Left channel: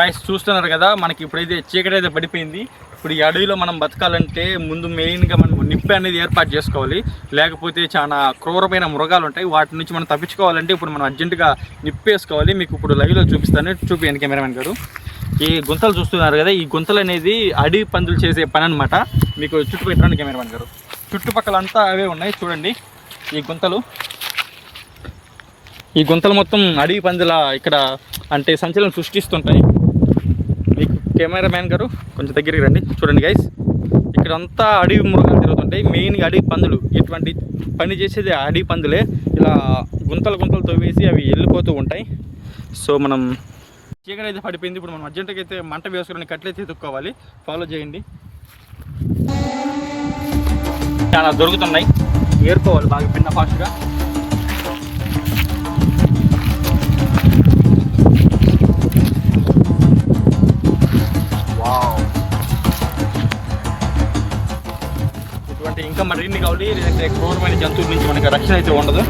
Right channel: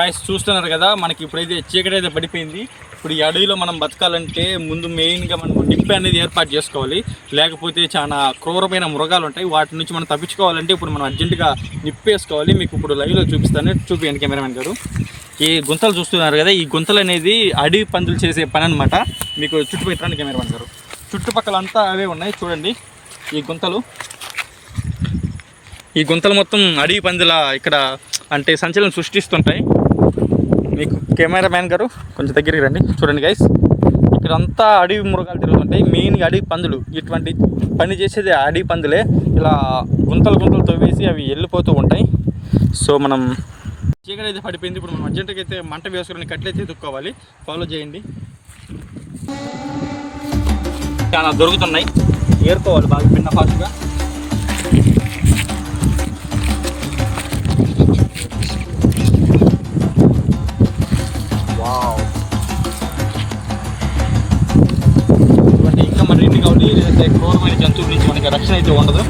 Guys చూస్తున్నారు కదా, మనకి ఇప్పుడైతే చీకటి అయితే పడిపోయింది. ఇప్పుడు ఈ అడవిలో మనం బతకాలంటే ముందు మెయిన్గా మనం నిప్పి అనేది ఏర్పాటు చేసుకోవాలి. లేకపోతే చాలా క్రూరమైన మృగాలు ఉంటాయి, వాటి నుంచి మనం తప్పించుకోవాలంటే ఇప్పుడు మనం అర్జెంటుగా నిప్పేసుకోవాలి. మీకు ఇప్పుడు లైవ్లో చూపిస్తాను, చూపించండి కెమెరామెన్ గారు. ఈ గుంతలు చూస్తున్నారు కదా, ఈ గుంతలు అనేది అడవి పందులు చేసే పని అనమాట. మీకు చుట్టుపక్కల కెమెరామెన్ గారు, చుట్టుపక్కల అంతా అవే ఉన్నాయి చూడండి. ఈ గుంతలు మొత్తం అడవి పందుల ఇక్కడ అంటే సంచలనం సృష్టిస్తుంటాయి. మీకు కెమెరామ్యాన్ గారు కొంచెం దగ్గరికి రండి, చూడండి గైస్. ఇక్కడ అంతా అడవి మృగాలు తిరుగుతుంటాయి, మెయిన్గా అడవి పందులు. ఇటువంటి పని చేసేది అడవి పందులే. ఇలా గుంతలు తవ్వేసి అవి వెళ్ళిపోతూ ఉంటాయి. సో మనం చీకటి అయితే పడిపోయింది, ఇప్పుడు మనం అర్జెంటుగా అయితే మంట వేసుకుని కట్లయితే ఎత్తుక్కోవాలి. ఫాలో చేయండి. చాలా దొరుకుతున్నాయి, ఏరుకోవాలి బాగా పిన్న ఫాస్ట్గా. ఇటువంటి ఇంకా మరిన్ని కావాలి, లేదంటే క్రూరమైన జంతువుల నుంచి మనకి రక్షణ అయితే ఉండదు.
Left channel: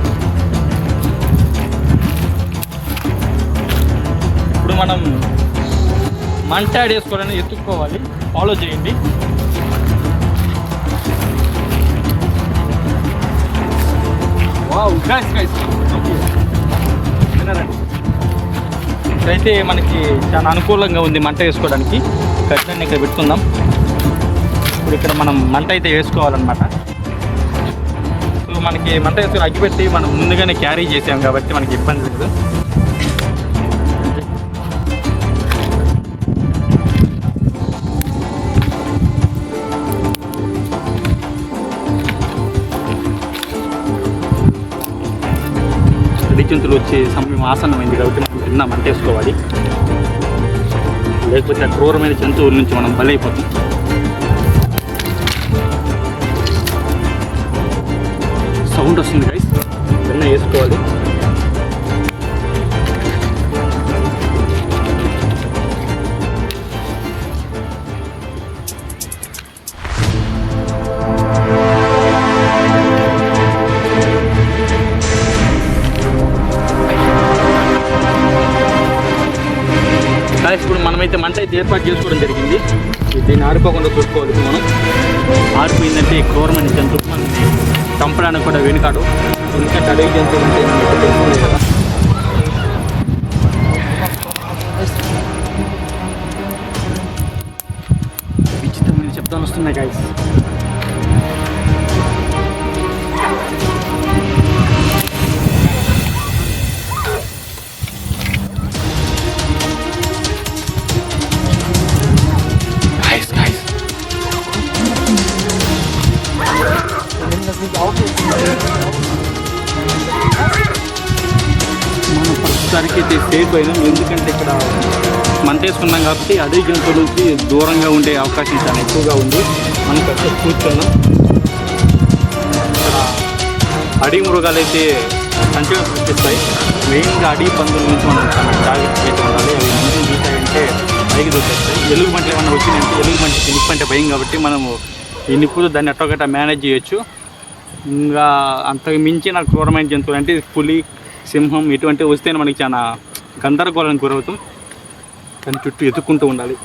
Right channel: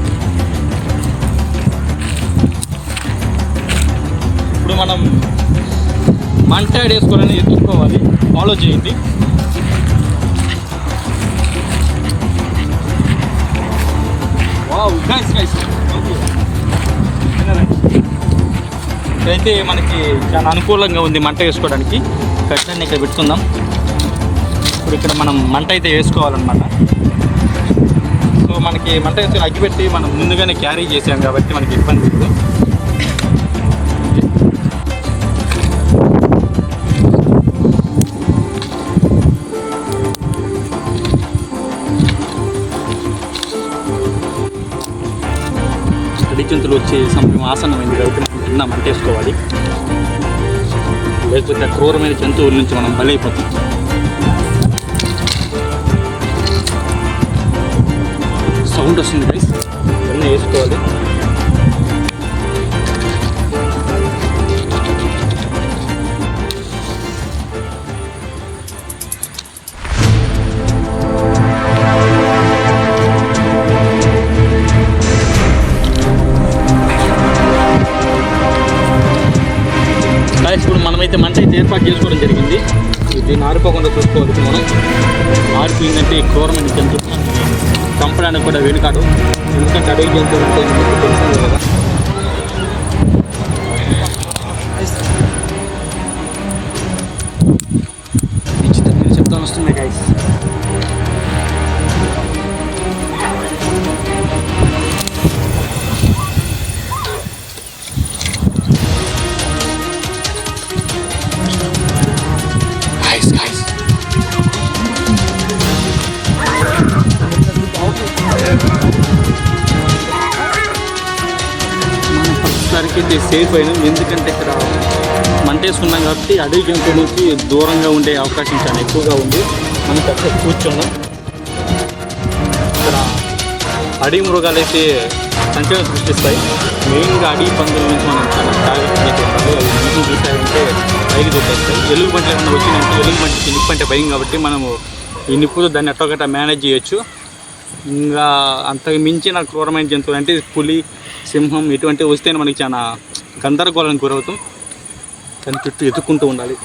ఇప్పుడు మనం మంట వేసుకోవాలని ఎత్తుక్కోవాలి. ఫాలో చేయండి. వావ్ గైస్ ఇక్కడైతే మనకి చాలా అనుకూలంగా ఉంది మంట వేసుకోవడానికి. కట్లన్నీ ఇక్కడ పెట్టుకుందాం. ఇప్పుడు ఇక్కడ మనం మంట అయితే వేసుకోవాలన్నమాట. సో మనకి మంట వేసుకొని అగ్గిపెట్టి మనం ముందుగానే క్యారీ చేసాం కాబట్టి మనకి ఇబ్బంది లేదు. జంతువులు వచ్చే సమయం ఆసన్నమైంది కాబట్టి మనం తిన్నా మంట వేసుకోవాలి. లేకపోతే క్రూరమైన జంతువుల నుంచి మనం బలైపోతాం. సౌండ్ వస్తుంది గైస్, వెన్న వేసుకోవాలి. ఇప్పుడు మనమైతే మంట అయితే ఏర్పాటు చేసుకోవడం జరిగింది. దీన్ని ఆరిపోకుండా చూసుకోవాలి. మనం ఆరిపోయిందంటే క్రూరమైన జంతువులు మనకి చంపడానికి కూడా వెనుకాడు. ఎందుకంటే అడవి జంతువులు అంటే మనకు తెలిసింది కదా. విచిత్రమైన శబ్దాలు వస్తున్నాయి గైస్. మనం ప్రస్తుతానికి అయితే సేఫ్ అయినాం, ఎందుకంటే ఇక్కడ మంట వేసుకున్నాం కాబట్టి అడవి జంతువులకి దూరంగా ఉండే అవకాశం చాలా ఎక్కువగా ఉంది. మనం అక్కడ కూర్చున్నాం. ఇక్కడ అడవి మృగాలు అయితే సంచలనం సృష్టిస్తాయి. మెయిన్గా అడవి పందుల నుంచి మనం చాలా జాగ్రత్తగా అయితే ఉండాలి. అవి మంచిగా చూసాయంటే పైకి దొరికేస్తాయి. ఎలుగు పంటలు ఏమన్నా వచ్చినాయంటే ఎలుగు పంటకి నిప్పు అంటే భయం కాబట్టి మనము ఈ నిప్పుతో దాన్ని ఎట్టొకట మేనేజ్ చేయొచ్చు. ఇంకా అంతకు మించిన క్రూరమైన జంతువులు అంటే పులి, సింహం ఇటువంటివి వస్తేనే మనకి చాలా గందరగోళానికి గురవుతాం. కానీ చుట్టూ ఎత్తుక్కుంటూ ఉండాలి.